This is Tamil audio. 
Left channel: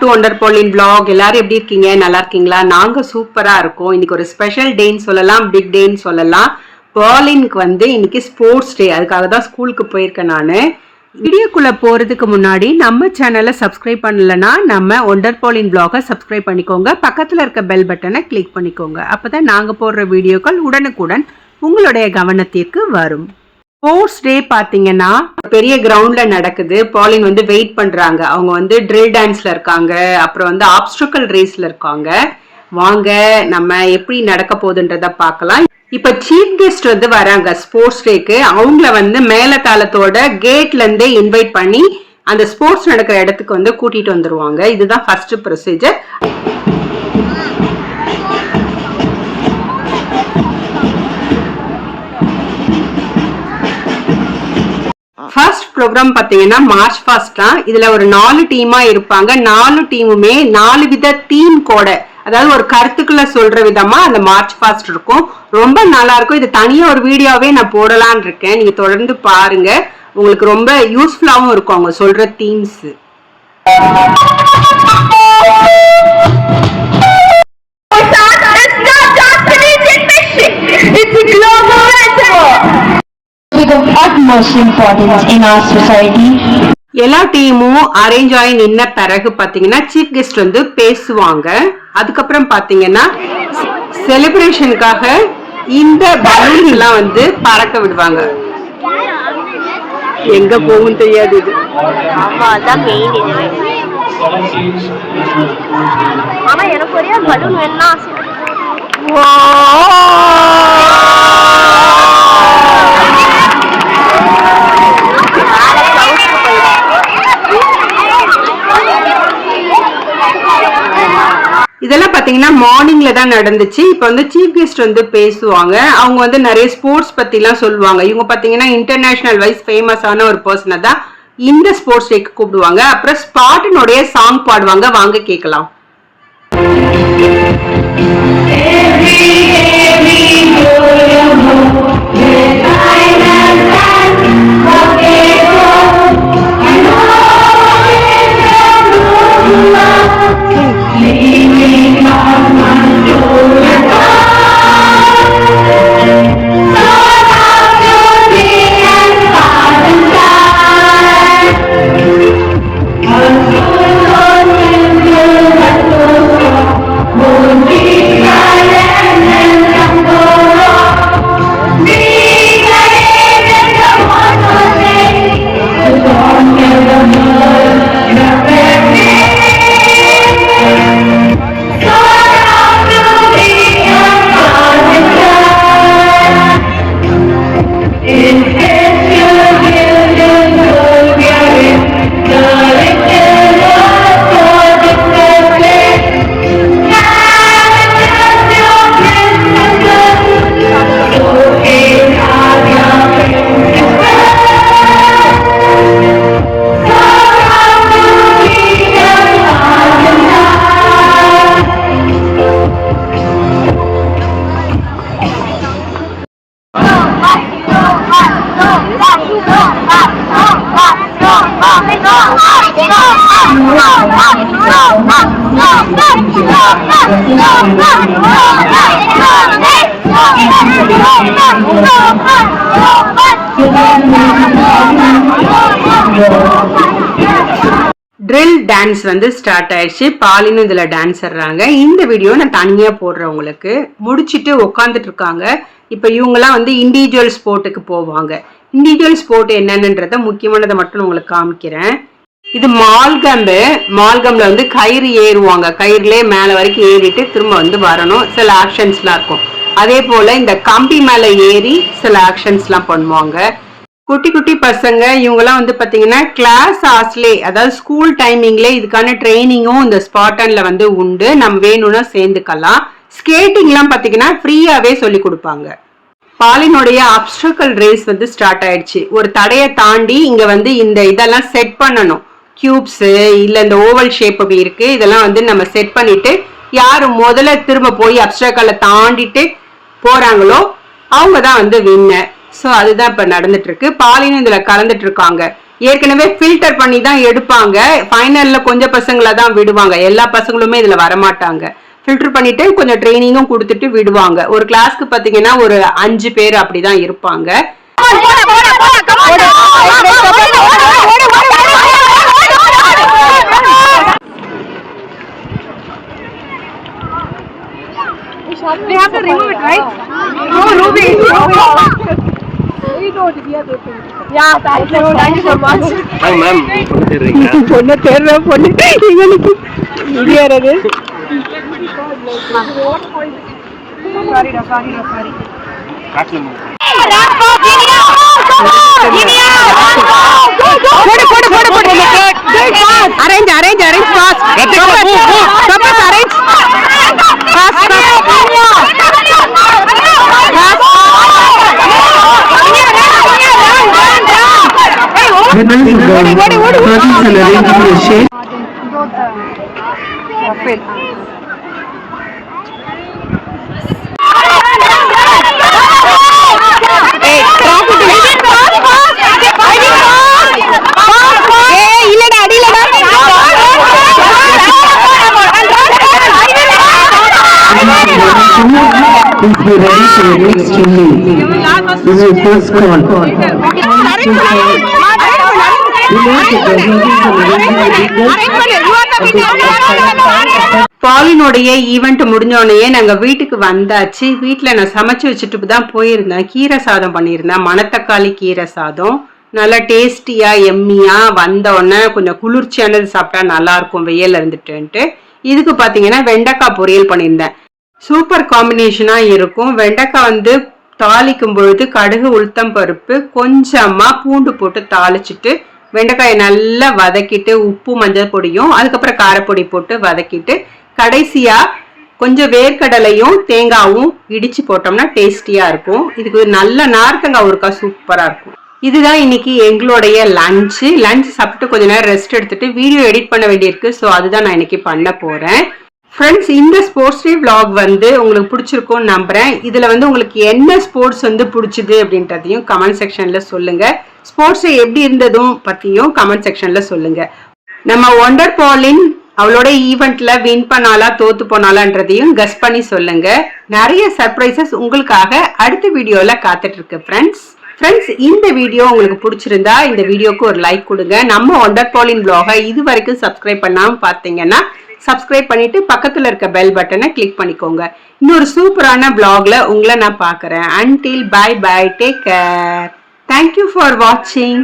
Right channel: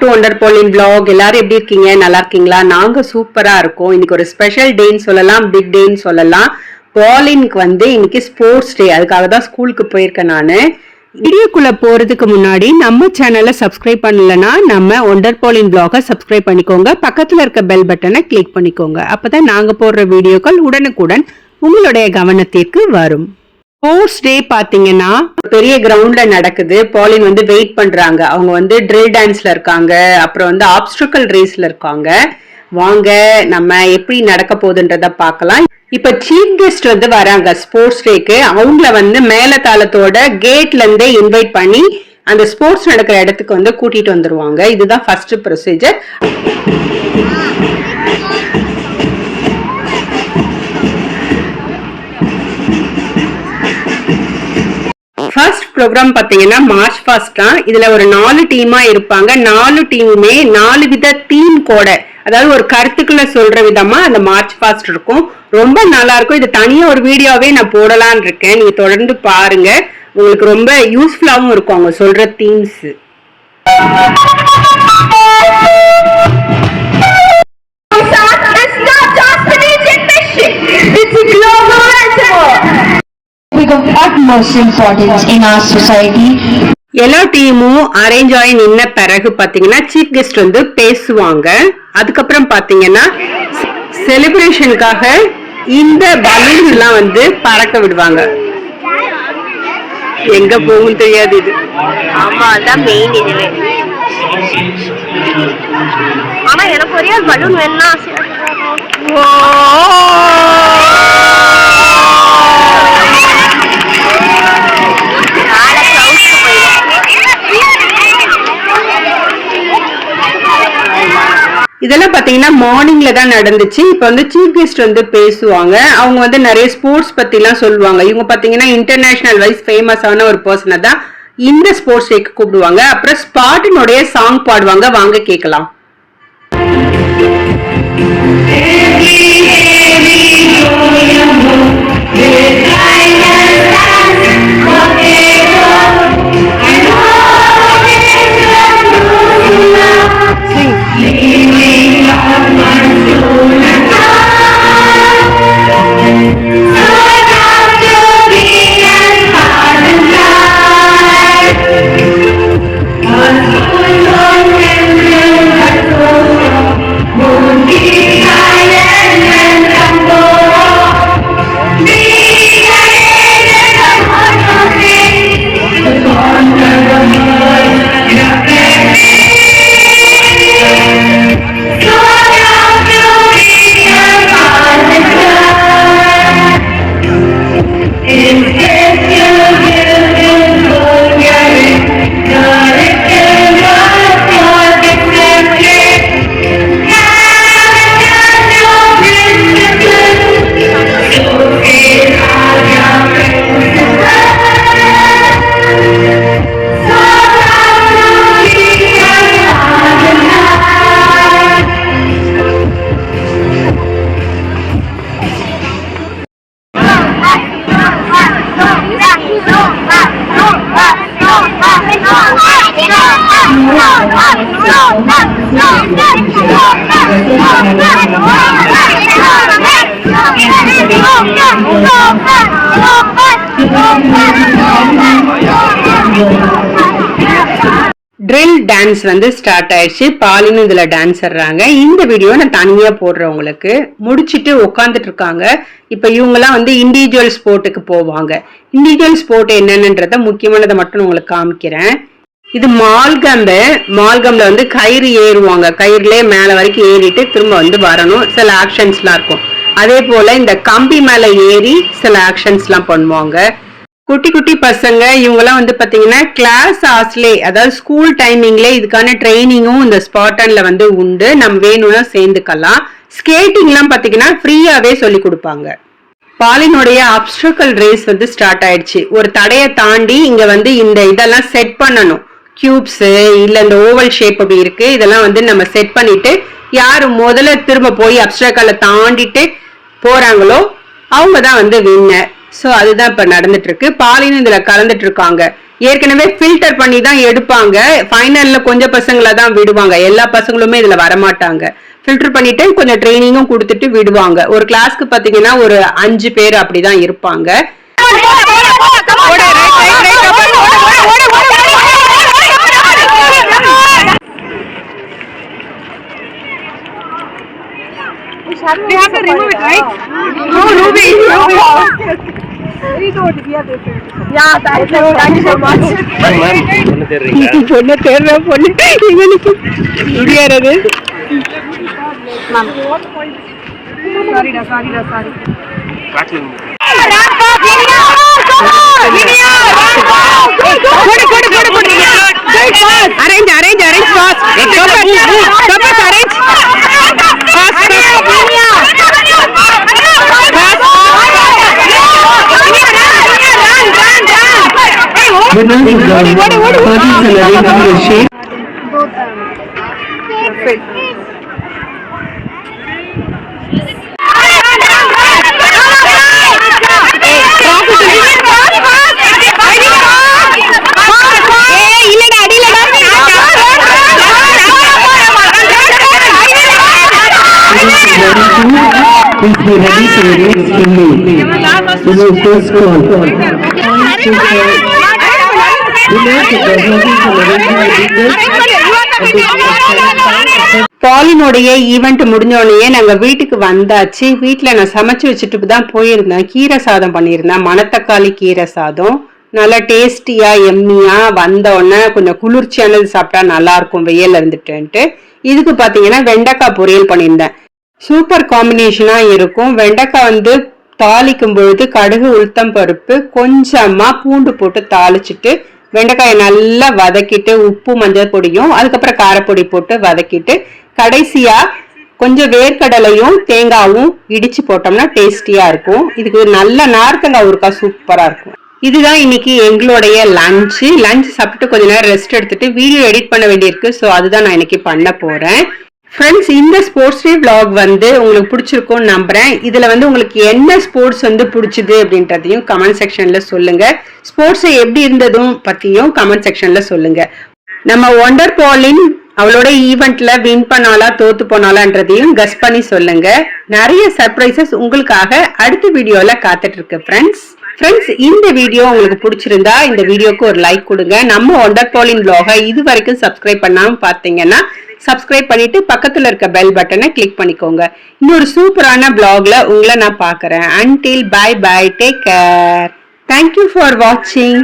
டு ஒண்டர் பாலின் vlog. எல்லாரும் எப்படி இருக்கீங்க? நல்லா இருக்கீங்களா? நாங்க சூப்பரா இருக்கோம். இன்னைக்கு ஒரு ஸ்பெஷல் டேன்னு சொல்லலாம், பிக் டேன்னு சொல்லலாம். பாலினுக்கு வந்து இன்னைக்கு ஸ்போர்ட்ஸ் டே. அதுக்காக தான் ஸ்கூலுக்கு போயிருக்கேன் நானு. வீடியோக்குள்ள போறதுக்கு முன்னாடி நம்ம சேனலை சப்ஸ்கிரைப் பண்ணலன்னா நம்ம ஒண்டர் பாலின் vlog-ஐ சப்ஸ்கிரைப் பண்ணிக்கோங்க. பக்கத்துல இருக்க பெல் பட்டனை கிளிக் பண்ணிக்கோங்க. அப்பதான் நாங்க போடுற வீடியோக்கள் உடனுக்குடன் உங்களுடைய கவனத்திற்கு வரும். ஸ்போர்ட்ஸ் டே பாத்தீங்கன்னா பெரிய கிரவுண்ட்ல நடக்குது. பாலின் வந்து வெயிட் பண்றாங்க. அவங்க வந்து ட்ரில் டான்ஸ்ல இருக்காங்க, அப்புறம் வந்து ஆப்ஸ்டிக்கல் ரேஸ்ல இருக்காங்க. வாங்க நம்ம எப்படி நடக்க போகுதுன்றத பார்க்கலாம். இப்ப சீஃப் கெஸ்ட் வந்து வராங்க ஸ்போர்ட்ஸ் டேக்கு. அவங்கள வந்து மேலதாளத்தோட கேட்ல இருந்தே இன்வைட் பண்ணி அந்த ஸ்போர்ட்ஸ் நடக்கிற இடத்துக்கு வந்து கூட்டிட்டு வந்துருவாங்க. இதுதான் ஃபர்ஸ்ட் ப்ரொசீஜர். ஃபர்ஸ்ட் ப்ரோக்ராம் பாத்தீங்கன்னா மார்ச் ஃபாஸ்ட் தான். இதுல ஒரு 4 டீமா இருப்பாங்க. 4 டீமுமே 4 வித தீம் கோட, அதாவது ஒரு கருத்துக்களை சொல்ற விதமா அந்த மார்ச் ஃபாஸ்ட் இருக்கும். ரொம்ப நல்லா இருக்கும். இது தனியா ஒரு வீடியோவே நான் போடலான்னு இருக்கேன். நீங்க தொடர்ந்து பாருங்க, உங்களுக்கு ரொம்ப யூஸ்ஃபுல்லாவும் இருக்கும் அவங்க சொல்ற themes. Of utmost importance in our society. எல்லா டீமும் அரேஞ்ச் ஆகி நின்ன பிறகு பாத்தீங்கன்னா சீஃப் கெஸ்ட் வந்து பேசுவாங்க. அதுக்கப்புறம் பாத்தீங்கன்னா செலிப்ரேஷனுக்காக இந்த பலூன் எல்லாம் வந்து பறக்க விடுவாங்க. எங்க போகும் தெரியாது இது. ஆமா, அதான் மெயின் இதுவே. ஆனா எனக்கு ஒரே ஒரு பலூன் வேணும்னா இதெல்லாம் பாத்தீங்கன்னா மார்னிங்ல தான் நடந்துச்சு. இப்ப வந்து சீஃப் கெஸ்ட் வந்து பேசுவாங்க. அவங்க வந்து நிறைய ஸ்போர்ட்ஸ் பத்தி எல்லாம் சொல்லுவாங்க. இவங்க பாத்தீங்கன்னா இன்டர்நேஷனல் வைஸ் ஃபேமஸான ஒரு பர்சனை தான் இந்த ஸ்போர்ட்ஸ் டேக்கு கூப்பிடுவாங்க. அப்புறம் ஸ்பாட்டினுடைய சாங் பாடுவாங்க. வாங்க கேட்கலாம். ட்ரில் டான்ஸ் வந்து ஸ்டார்ட் ஆயிடுச்சு. பாலினும் இதுல டான்ஸ் ஆடுறாங்க. இந்த வீடியோ நான் தனியா போடுறேன். உங்களுக்கு முடிச்சிட்டு உட்காந்துட்டு இருக்காங்க. இப்ப இவங்க எல்லாம் வந்து இண்டிவிஜுவல் ஸ்போர்ட்டுக்கு போவாங்க. இண்டிவிஜுவல் ஸ்போர்ட் என்னன்றத முக்கியமானதை மட்டும் உங்களுக்கு காமிக்கிறேன். இது மால்கம்ல வந்து கயிறு ஏறுவாங்க. கயிறுலயே மேல வரைக்கும் ஏறிட்டு திரும்ப வந்து வரணும். சில ஆக்ஷன்ஸ் எல்லாம் இருக்கும். அதே போல இந்த கம்பி மேல ஏறி சில ஆக்ஷன்ஸ் எல்லாம் பண்ணுவாங்க. குட்டி குட்டி பசங்க இவங்கெல்லாம் வந்து பாத்தீங்கன்னா கிளாஸ் ஆஸ்லே, அதாவது ஸ்கூல் டைமிங்ல இதுக்கான ட்ரைனிங்கும் இந்த ஸ்பாட்டன்ல வந்து உண்டு. நம்ம வேணும்னா சேர்ந்துக்கலாம். ஸ்கேட்டிங் எல்லாம் பாத்தீங்கன்னா ஃப்ரீயாவே சொல்லி கொடுப்பாங்க. பாலினுடைய ஆப்ஸ்டிக்கல் ரேஸ் வந்து ஸ்டார்ட் ஆயிடுச்சு. ஒரு தடையை தாண்டி இங்க வந்து இந்த இதெல்லாம் செட் பண்ணணும். கியூப்ஸ் இல்ல இந்த ஓவல் ஷேப் அப்படி இருக்கு. இதெல்லாம் வந்து நம்ம செட் பண்ணிட்டு யாரு முதல்ல திரும்ப போய் அப்டிக்கலை தாண்டிட்டு போறாங்களோ அவங்க தான் வந்து வின்னர். ஸோ அதுதான் இப்ப நடந்துட்டு இருக்கு. பாலினும் இதுல கலந்துட்டு இருக்காங்க. ஏற்கனவே ஃபில்டர் பண்ணி தான் எடுப்பாங்க. ஃபைனல்ல கொஞ்சம் பசங்களை தான் விடுவாங்க, எல்லா பசங்களுமே இதுல வரமாட்டாங்க. ஃபில்டர் பண்ணிட்டு கொஞ்சம் ட்ரைனிங்கும் கொடுத்துட்டு விடுவாங்க. ஒரு கிளாஸ்க்கு பாத்தீங்கன்னா ஒரு 5 பேர் அப்படிதான் இருப்பாங்க. We have to remove it, right? No, yeah, thank you so much. Ma'am, பொண்ணு தேர்ற பொண்ணு இவனுக்கு முடியாது. Arrange fast. Stop arrange. Fast. Please be ready for the next release. This is first call. பாலினுடைய ஈவெண்ட் முடிஞ்சோடனே நாங்க வீட்டுக்கு வந்தாச்சு. வீட்டுல நான் சமைச்சு வச்சுட்டு தான் போயிருந்தேன். கீரை சாதம் பண்ணியிருந்தேன், மணத்தக்காளி கீரை சாதம். நல்லா டேஸ்டியா எம்மியா வந்தோடனே கொஞ்சம் குளிர்ச்சியானது சாப்பிட்டா நல்லா இருக்கும் வெயில்ல இருந்துட்டு. இதுக்கு பாத்தீங்கன்னா வெண்டைக்காய் பொரியல் பண்ணியிருந்தேன். சூப்பர் காம்பினேஷனா இருக்கும். வெண்டைக்காய் தாளிக்கும் பொழுது கடுகு உளுத்தம் பருப்பு கொஞ்சமா பூண்டு போட்டு தாளிச்சுட்டு வெண்டைக்காயை நல்லா வதக்கிட்டு உப்பு மஞ்சள் பொடியும் அதுக்கப்புறம் காரப்பொடி போட்டு வதக்கிட்டு கடைசியா கொஞ்சம் வேர்க்கடலையும் தேங்காவும் இடிச்சு போட்டோம்னா டேஸ்டியா இருக்கும். இதுக்கு நல்ல நார்த்தங்காய் ஊறுகாய் சூப்பரா இருக்கும். இதுதான் இன்னைக்கு எங்களுடைய லஞ்ச் சாப்பிட்டு கொஞ்ச நேரம் ரெஸ்ட் எடுத்துட்டு வீடியோ எடிட் பண்ண வேண்டியிருக்கு. ஸோ அதுதான் நான் இன்னைக்கு பண்ண போறேன். ஃப்ரெண்ட்ஸ், இந்த ஸ்போர்ட்ஸ் டே vlog உங்களுக்கு பிடிச்சிருக்கும்னு நம்புறேன். இதுல உங்களுக்கு என்ன ஸ்போர்ட்ஸ் பிடிச்சது அப்படின்றதையும் கமெண்ட் செக்ஷன்ல சொல்லுங்க. ஸ்போர்ட்ஸ் எப்படி இருந்ததும் பத்தியும் கமெண்ட் செக்ஷன்ல சொல்லுங்க. நம்ம ஒண்டர் பாலின் அவளோட ஈவெண்ட்ல வின் பண்ணாலா தோத்து போனாலான்றதையும் கஸ் பண்ணி சொல்லுங்க. நிறைய சர்ப்ரைசஸ் உங்களுக்காக அடுத்த வீடியோல காத்துட்டு இருக்கு ஃப்ரெண்ட்ஸ். இந்த வீடியோ உங்களுக்கு பிடிச்சிருந்தா இந்த வீடியோக்கு ஒரு லைக் கொடுங்க. நம்ம ஒண்டர் பாலின் vlog இது வரைக்கும் சப்ஸ்கிரைப் பண்ணாம பாத்தீங்கன்னா சப்ஸ்கிரைப் பண்ணிட்டு பக்கத்துல இருக்க பெல் பட்டனை கிளிக் பண்ணிக்கோங்க. இன்னொரு சூப்பரான vlogல உங்களை நான் பார்க்கறேன். Until bye, take care. Thank you for watching.